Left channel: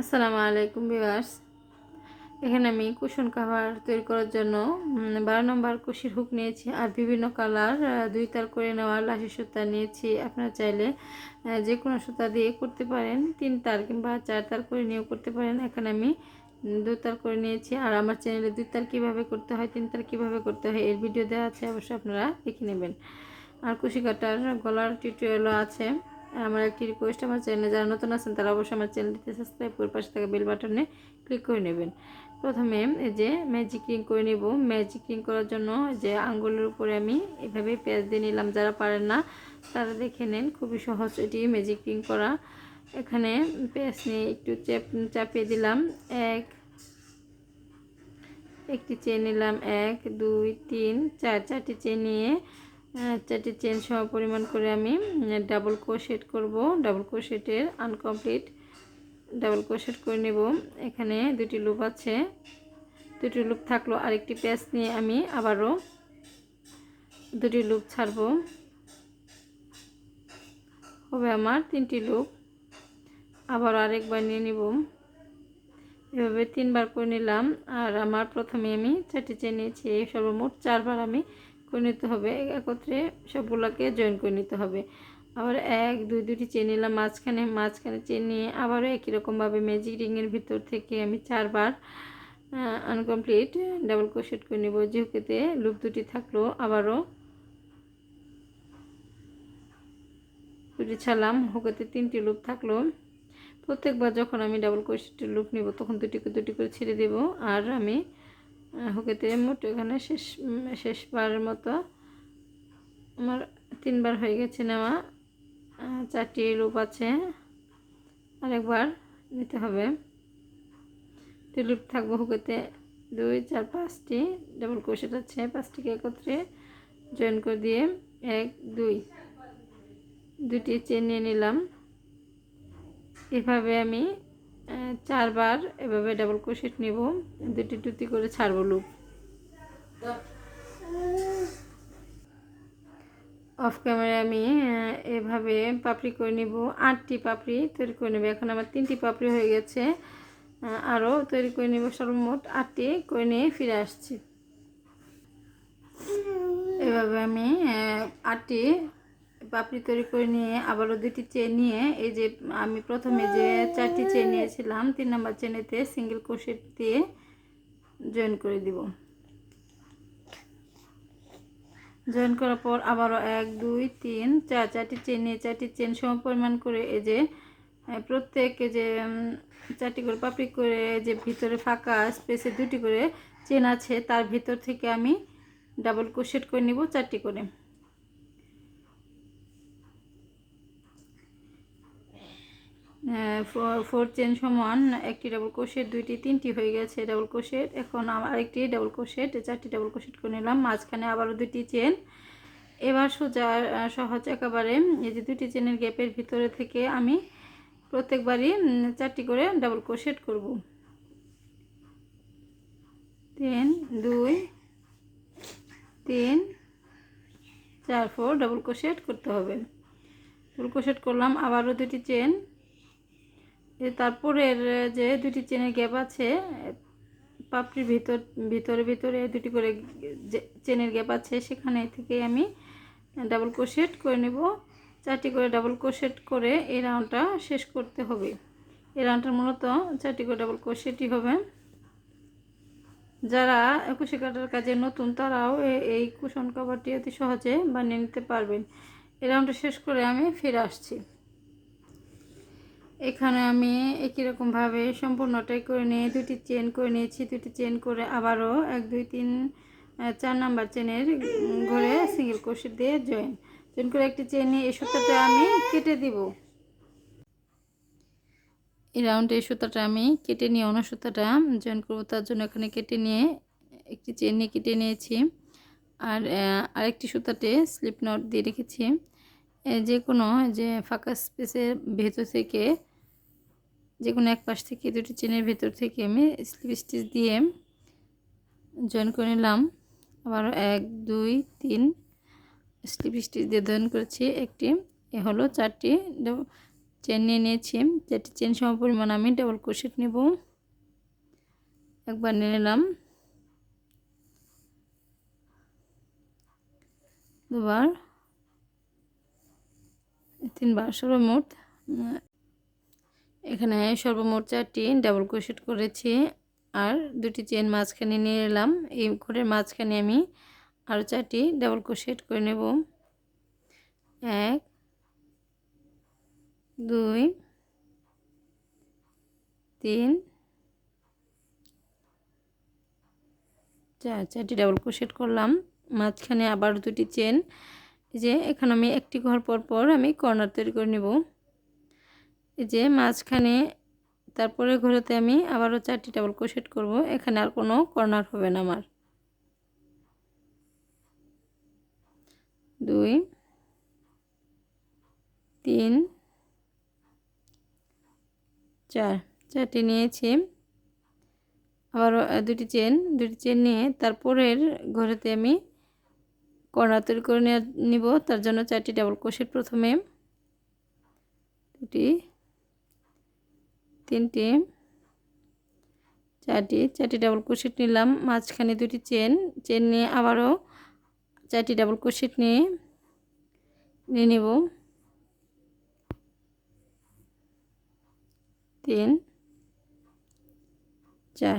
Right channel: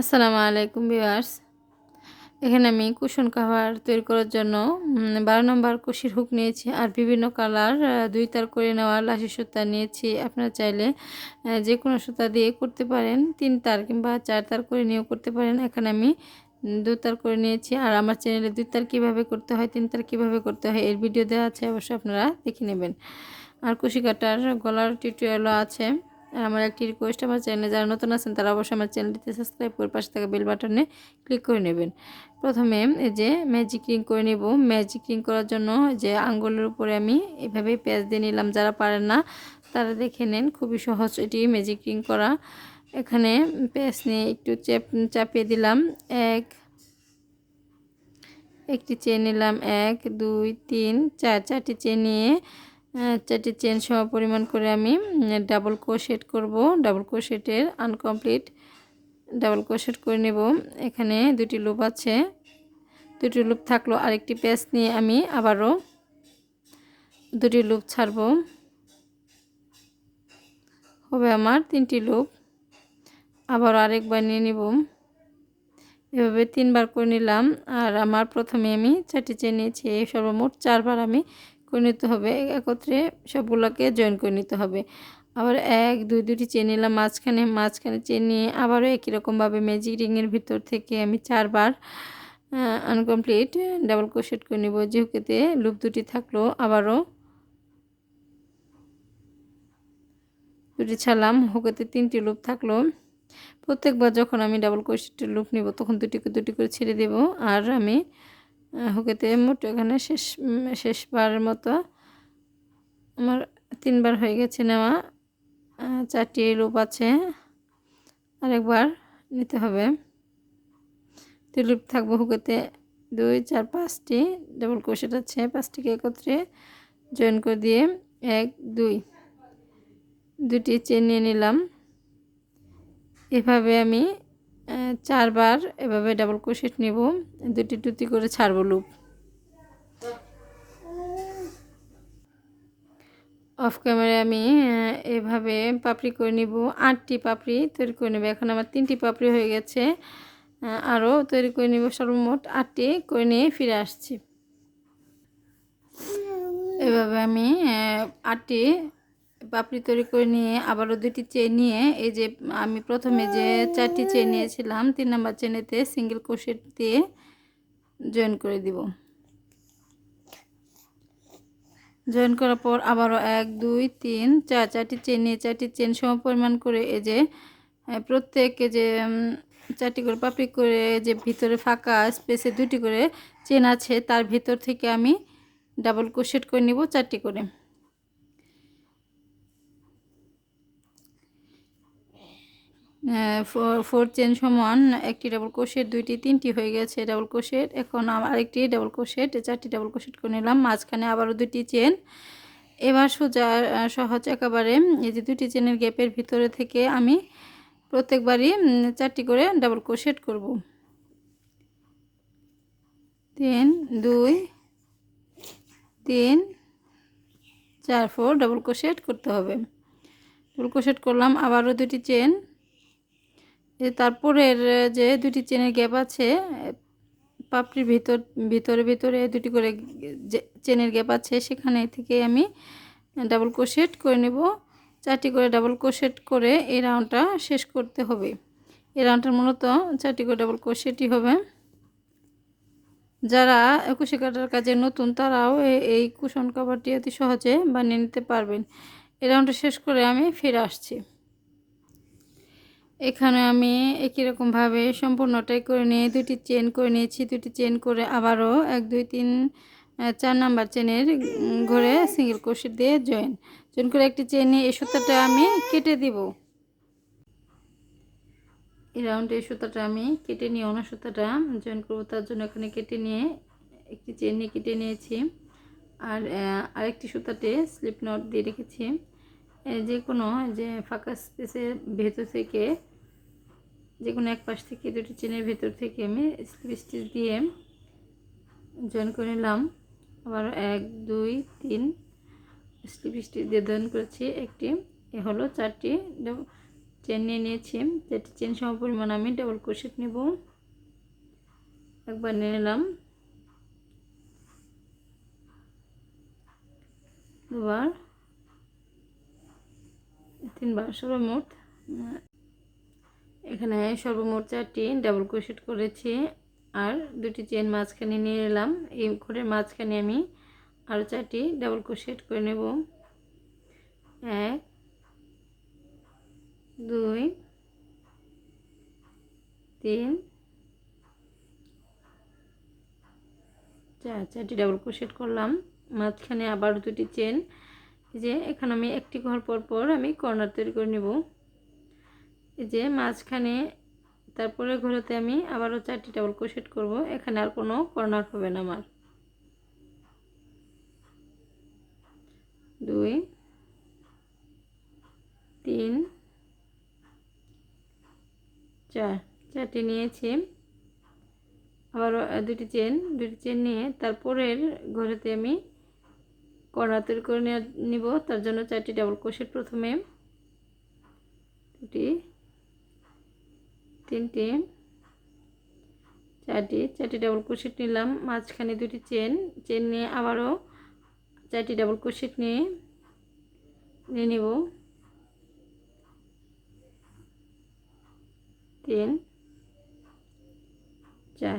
আসসালামু আলাইকুম ভিউয়ার্স। এখানে আমি কুশন কাভার তৈরি করার জন্য বারো নম্বর কুশির হুক নিয়েছি আর বিভিন্ন কালার দুই তার করে নেওয়া লাশি সুতা নিয়েছি। আপনারা চাইলে যে কোনো সুতা দিয়ে করতে পারেন, তিন তার কিংবা চার তার করে নিয়েও করতে পারেন। এখানে আমি দু তার করে নিয়েছি আর আমার চ্যানেলে দুই তার কীভাবে করতে হয়, তিন তার কীভাবে করতে হয়, এর ভিডিও দেওয়া আছে, অবশ্যই আপনারা দেখে নেবেন। আর কুশি কাটার গলার টিউটোরিয়ালও আছে। আর আমার একটি রিকোয়েস্ট আমার চ্যানেলে যারা নতুন আছেন, তারা অবশ্যই আমার চ্যানেলটিতে সাবস্ক্রাইব করে পাশে থাকা বেল বাটনে ক্লিক করে নেবেন। প্রথমে এই যে ম্যাজিক রিং করে নেব। ম্যাজিক রিং করার জন্য যে আঙ্গুলের উপরে আমি এভাবেই পেঁয়াজ দিয়ে নিলাম। যারা পারেন না, তারা দেখে নেন, খুবই সহজ এটি ম্যাজিক রিং করা। এখানে পেঁয়াজ নিয়ে একটু চেপ, চাপিয়ে দিলাম। এক, একটি চেন নিলাম। এক, দুই, তিন, চার, চারটি চেন নিয়ে চারটি চেন সম পরিমাণ করে আমি ডাবল ক্রোশেট করব। ডাবল ক্রোশেটের আনকমপ্লিট ডাবল ক্রোশেট করে নেব। এখানে দুটি লুপ আছে। দুটি লুপ থাকল আরেকটি পেঁচ নিয়ে আমি আবারও দুটি লুপ ছাড়ব। হবে আমার তিনটি লুপ আবার আরেকবার নিয়ে নিব। এভাবে তিনবার করে নিলাম। আর আমার প্রথমে আমি চারটি চেন নিয়েছি। এই সর্বমোট চারবার আমি করে নিতে হবে। একত্রে সবগুলোকে জয়েন করে নিতে হবে। আবার এক, দুই দুটি চেন নিলাম মাঝখানে। মাঝখানে চেন নিয়ে আবারও একই রকমভাবে ম্যাজিক রিংয়ের ভিতর থেকে আমি চারবার আনকমপ্লিট ডাবল ক্রোশেট করে নিব। যে হুকেতে লুপ দুটি থাকল, আবারও দুটি ছাড়লাম। হুকেতে তিনটি লুপ থাকল। প্রত্যেকবার যখন আমি ডাবল ক্রোশেটের লুপ নিব, তখন দুটি দুটি করে ছেড়ে দেব। আর আমি হুকেতে মোট এখানে শেষ উম, শেষবারের মতো আমার তিনবার হয়ে গেছে নেওয়া। চারটি লুপ আছে আরেকবার নিতে হবে। লুপ থাকব হুকেতে দুই চার পাঁচটি ডাবল ক্রোশেট আছে পাঁচটিকে একত্রে জয়েন করে দিয়ে এক দুই দুটি চেন নিয়ে নিলাম। এভাবে আমি চারবার এভাবে ডাবল ক্রোশেট নেব। দুটি দুটি করে ছাড়বো লুপ অফ ক্যামেরায় আমি এভাবে পাপড়ি করে নিব। আটটি পাপড়ি তৈরি করে নেব। এখন আমার তিনটি পাপড়ি হয়ে গেছে। আরও তৈরি করে নিব সর্বমোট আটটি করে নিয়ে ফিরে আসছি। এভাবে আমি আটটি পাপড়ি তৈরি করে নিয়ে আবারও দুটি চেন নিয়ে এই যে আমি প্রথমে যে চারটি চেন নিয়েছিলাম তিন নম্বর চেনেতে সিঙ্গেল ক্রোশেট দিয়ে জয়েন করে দিব। জয়েন করার পর আবারও এক দুই তিন চার চারটি চেন নিয়ে চারটি চেন সম পরিমাণ করে এই যে আহ, প্রত্যেক যে চারটি করে পাপড়ি করে যে ভিতরে ফাঁকা স্পেসে দুটি করে চেন আছে তার ভিতর থেকে আমি ডাবল ক্রোশেট করে নিব চারটি করে। ফোর চেন সমান একটি ডাবল ক্রোশেট দুইটি, তিনটি হয়ে গেছে ডাবল ক্রোশেট এখন আরেকটি ডাবল ক্রোশেট চারটি ডাবল ক্রোশেট করে নিলাম। মাঝখানে আবারও দুটি চেন এবার সোজা সহজ একেবারে, এই যে দুটি চেনের গ্যাপের ভিতরে থেকে আমি প্রত্যেকবারই চারটি করে ডাবল ক্রোশেট করব। তিন, দুই, তিন, চার ফোর ডাবল ক্রোশেট করতে হবে। ডাবল ক্রোশেট করলাম, আবারও দুটি চেন এ তারপরের যে দুটি চেনের গ্যাপ আছে পাপড়ির ভিতর, ভিতরে ভিতরে দুটি করে যে চেনের গ্যাপ আছে, সেখানে থেকে আমি ডাবল ক্রোশেট করে নেব। চারটি করে ডাবল ক্রোশেট করে এই রাউন্ডটা শেষ করতে হবে। এই রাউন্ডটার মূলত চারটি করে ডাবল ক্রোশেটই হবে। যারা কুশি কাটার কাজে নতুন, তারাও এই কুশন কভারটি অতি সহজে বানিয়ে নিতে পারবেন। এই রাউন্ডটা শেষ করে আমি ফিরে আসছি। এখানে আমি একই রকমভাবে সম্পূর্ণটাই করে নিয়ে দুটি চেন করে নিয়েছি। দুটি চেন করে আবারও এক, দুই, তিন চার নাম্বার চেনের ঘরে সিঙ্গেল ক্রোশেট দিয়ে জয়েন জয়েন করে একটি চেন নিয়ে এই সুতাটা আমি কেটে দিব। এই রাউন্ডে এই সুতাটা আমি কেটে নিয়ে অন্য সুতাটা জয়েন করব। তার জন্য এখানে কেটে নিয়ে একটি চেন নিয়ে কেটে নিয়েছি। আর আরেকটি সুতাতে স্লিপ নট দিয়ে রেখেছি। যে কোনো, যে ফাঁকা স্পেসের ভেতর থেকে, যে কোনো এক পাশ থেকে দুটি চেনের ভেতর থেকে আমি স্লিপ স্টিচ দিয়ে জয়েন করে নিলাম। আবার এক, দুই, তিন স্লিপ স্টিচ দিয়ে জয়েন করেছি একটি। এ হলো চারটি। চেন নিয়ে নিয়েছি। চারটি চেন সম পরিমাণ আমি ডাবল ক্রোশেট নেব। একবার নিয়ে নিলাম। দুবার। তিনবার সর্বমোট উম, এখানে সর্বমোট চারটি ডাবল ক্রোশেট করেছি। আর দুটি চেন মাঝখানে নিয়ে নিলাম এই ঘরের মাঝখানে আমি আরও চারটি ডাবল ক্রোশেট করে নেব। এক দুই তিন চার চারটি ডাবল ক্রোশেট করলাম। মাঝখানে আবার দুটি চেন যে এখানে আমি একটি ঘর পর পর আমি কর্নার তৈরি করে নেব। এই যে মাঝখানে তারপরে ঘরেতে আমি আবারও চারটি ডাবল ক্রোশেট করব, এখানে আর কোনো কর্নার হবে না আমার। দুই, তিন, চার, চারটি নিয়েছি। আবারও দুটি চেন দুটি চেন নিয়ে তারপরের ঘরেতে আমি কর্নার তৈরি করে নিব, তার জন্য চারটি ডাবল ক্রোশেট প্রথমে দুটি, তিনটি, চারটি চারটি ডাবল ক্রোশেট নিলাম। মাঝখানে দুটি চেন চেন নিয়ে আবারও চারটি ডাবল ক্রোশেট নিয়ে নিয়ে নেব। তিন, চার।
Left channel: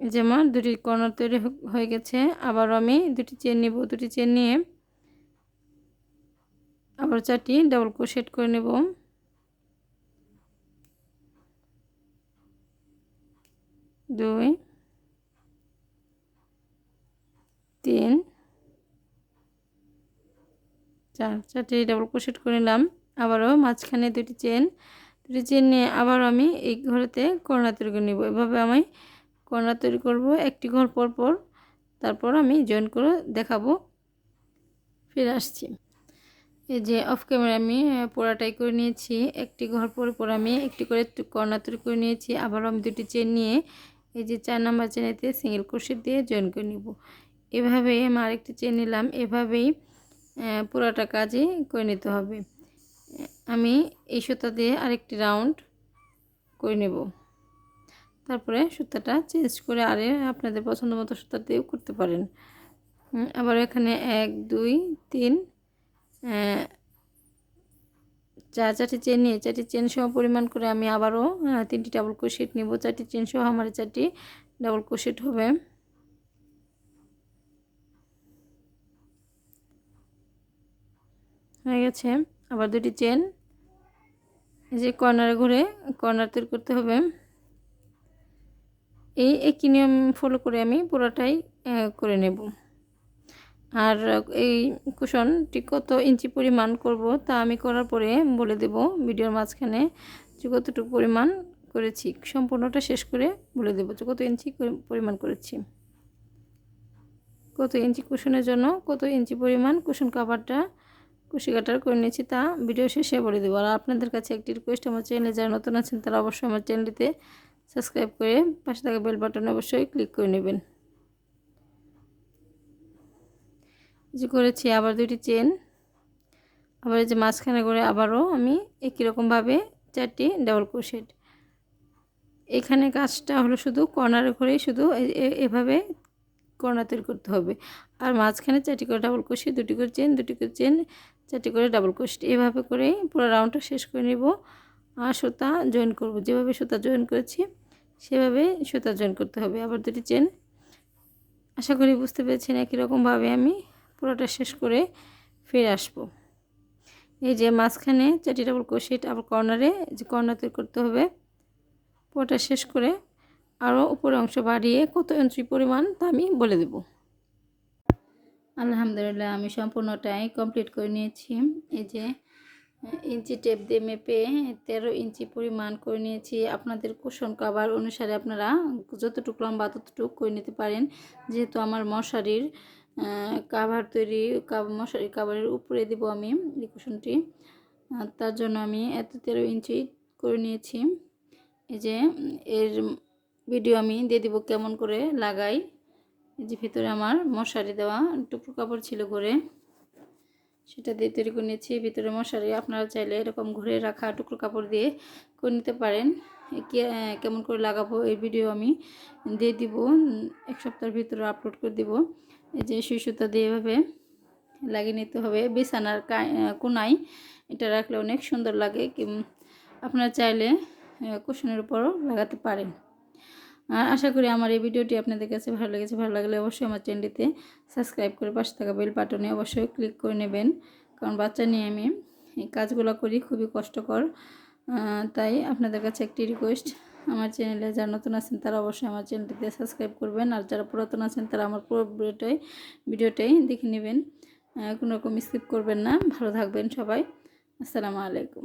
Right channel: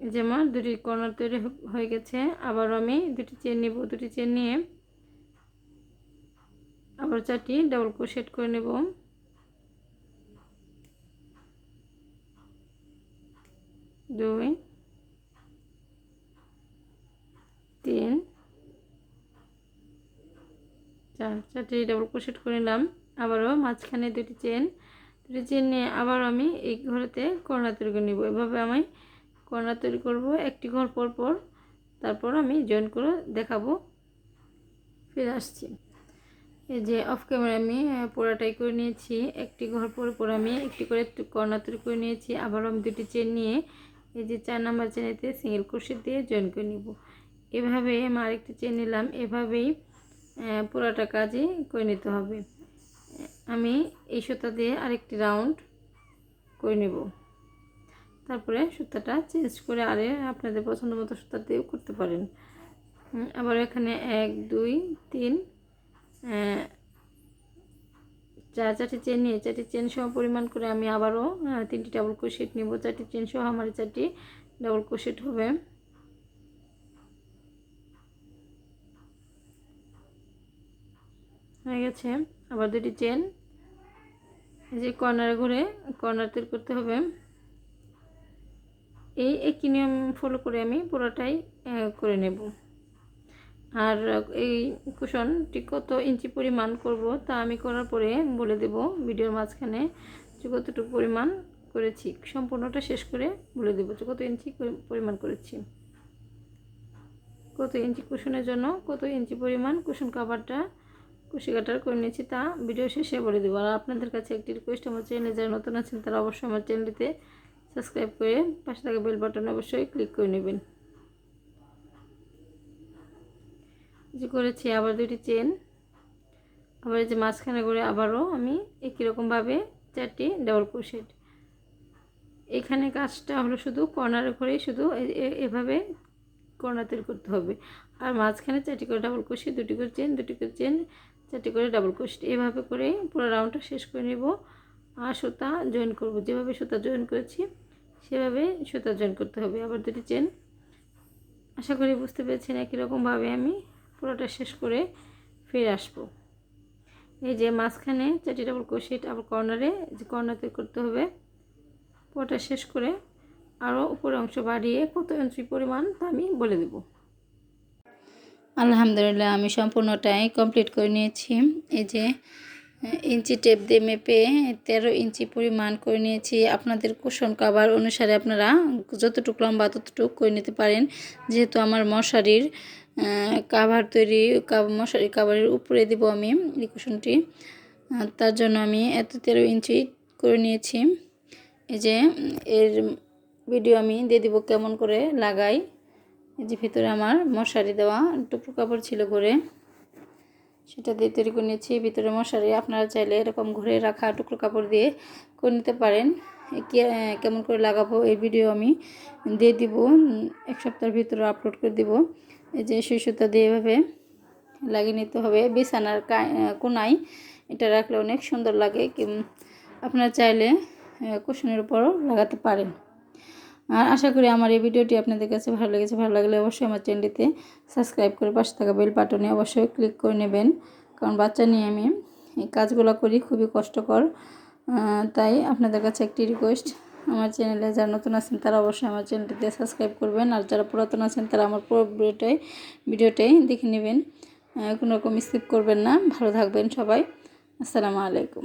এই যে আমার দুটি কর্নার তৈরি হয়ে গেছে আবার আমি দুটি চেন নেব, দুটি চেন নিয়ে আবার চারটি ডাবল ক্রোশেট করে নেব। দুই, তিন, চার, চারটি ডাবল ক্রোশেট করে নিলাম, আবারও মাঝখানে দুটি চেন দুটি চেন নিয়ে আবারও আমি এই ঘরেতে কর্নার তৈরি করে নেব। এভাবে আমি কর্নার তৈরি করব একটি ঘর পর পর। তারপর আমি জয়েন করে দেখাবো। ফিরে আসছি। এই যে অফ ক্যামেরা আমি পোড়াটাই করে নিয়েছি। একটি ঘর পর পর আমি একটি করে কর্নার তৈরি করে নিয়েছি। আবার আমি দুটি চেন নিয়ে এই যে চার নাম্বার চেনেতে সিঙ্গেল ক্রোশেট দিয়ে জয়েন করে নিব। এভাবে আমি আরেকটি চেন নিলাম। এভাবেই আহ, পুরাটা কাজই করে নিতে হবে। আমি এই সুতা দিয়ে আরেকটি রাউন্ড করে নেব। তারপরে সুতাটা চেঞ্জ করে আরে আপনাদের পছন্দ মতো সুতা দিয়েও করতে পারেন। আবার এখানে এক, দুই, তিন চার চারটি চেন নিয়ে, চারটি চেন সহ পরিমাণ করে আমি আবারও তিনটি ডাবল ক্রোশেট নিব। চারটি চেন সহ আমার চারটি ডাবল ক্রোশেট হবে। হয়ে গেছে। আবার দুটি চেন এই যে কর্নারে ঘুরে কর্নার তৈরি করতে হবে। এই একই নিয়ম ফলো করে আমি পুরোটাই করে নেব। আর, এই কুশনটি কত ইঞ্চি পরিমাণ করব তা আমি করার পরে বলে দেব ভিডিওর মাঝখানে যে কতটুকু পরিমাণ করেছি। সম্পূর্ণটা শেষ করে বলে দেবো যে কত ইঞ্চি পরিমাণ করেছি। কত ইঞ্চি কুশনের জন্য কত ইঞ্চি পরিমাণ কুশন কাভারটা কুশি কাটার করে নিয়েছি তা ভিডিও শেষে বলে দেবো। আর আপনাদের কাছে একটি রিকোয়েস্ট আমার চ্যানেলে যারা নতুন আছেন তারা অবশ্যই আমার চ্যানেলটিতে সাবস্ক্রাইব করে পাশে থাকা বেল বাটনে অবশ্যই ক্লিক করে নেবেন। যে করেছি আবার দুটি চেন। আবার এই যে মাঝখানে করে আবারও আমি একই রকমভাবে চারটি ডাবল ক্রোশেট এখানে কাজটা হলো শুধু কর্নারে করেই শুধু এভাবে কর্নার তৈরি করতে হবে। আর মাঝখানে চারটি করে ডাবল ক্রোশেট দুটি করে চেন, দুটি করে চেন, চারটি করে ডাবল ক্রোশেট এভাবে করে পুরো রাউন্ডটা শেষ করে নেব। আর সুতা জয়েন করব। যেভাবে সুতা জয়েন করেছি সেভাবে সুতা জয়েন করতে হবে। আবার দুটি চেন আশা করি বুঝতে পেরেছেন, একই রকমভাবে আমি পুরোটা শেষ করে ফিরে আসব। এই যে মাঝখানে চারটি ডাবল ক্রোশেট আবার কর্নারে যে কর্নার তৈরি করতে হবে, পুরোটা শেষ করে আরও উপরের অংশ বাড়িয়ে কত ইঞ্চি পরিমাণ তা আমি বলে দেব। আলহামদুলিল্লাহ, আমি সম্পূর্ণটাই কমপ্লিট করে নিয়েছি। এই যে ইঞ্চি টেপ দিয়ে মেপে তেরো ইঞ্চি পরিমাণ করে নিয়েছি। আপনাদের কুশন কাভার অনুসারে আপনারা যতটুকু লম্বা ততটুকু করে নিতে পারেন। যেহেতু আমার মশারির কাভার তৈরি মশারি কাভারের উপরে দিব আমি এই কুশনটি তার জন্য আমি এত তেরো ইঞ্চি করে নিয়েছি। এই যে, এর ভিডিও আমি দিয়ে দিব কেমন করে লাগাই। এই যে ভিতরে আমার মশারি দেওয়া টুকরো কাপড় ছিল ঘরে। সেটা দিয়ে তৈরি করে নিয়েছি। ভিতরে মশারি আপনারা চাইলে এরকম ঘুরে রাখা টুকরো কাপড় দিয়ে করে নিতে পারেন। কেমন করে লাগাবো এই ভিডিও আমি দিয়ে দিব। এক সপ্তাহের ভিতরে আপলোড করে দিব। এই যে সুই সুতা দিয়ে এভাবে লাগিয়ে নিতে হবে। বিছানার কোনায় এটা রাখলে অনেক সুন্দর লাগে। আপনারা চাইলে কুশনের উপরও লাগাতে পারেন। আর আশা করি আমার এই ভিডিওটি আপনাদের কাছে ভালো লেগেছে, ভালো লাগলে অবশ্যই আমার চ্যানেলটিতে সাবস্ক্রাইব করে পাশে থাকা বেল বাটনে অবশ্যই ক্লিক করে নেবেন। কারণ বাচ্চা নিয়ে আমি এই কাজগুলো করি, খুবই কষ্টকর। তাই আপনাদের কাছে একটি রিকোয়েস্ট আমার চ্যানেলে যারা নতুন আছেন তারা অবশ্যই আমার চ্যানেলটিতে সাবস্ক্রাইব করবেন। আর যারা পুরাতন আছেন তারা আমার পুরো ভিডিওটাই ভিডিওটাই দেখে নেবেন। কোনো রকম স্কিপ করবেন না। ভালো থাকবেন সবাই। আসসালামু আলাইকুম।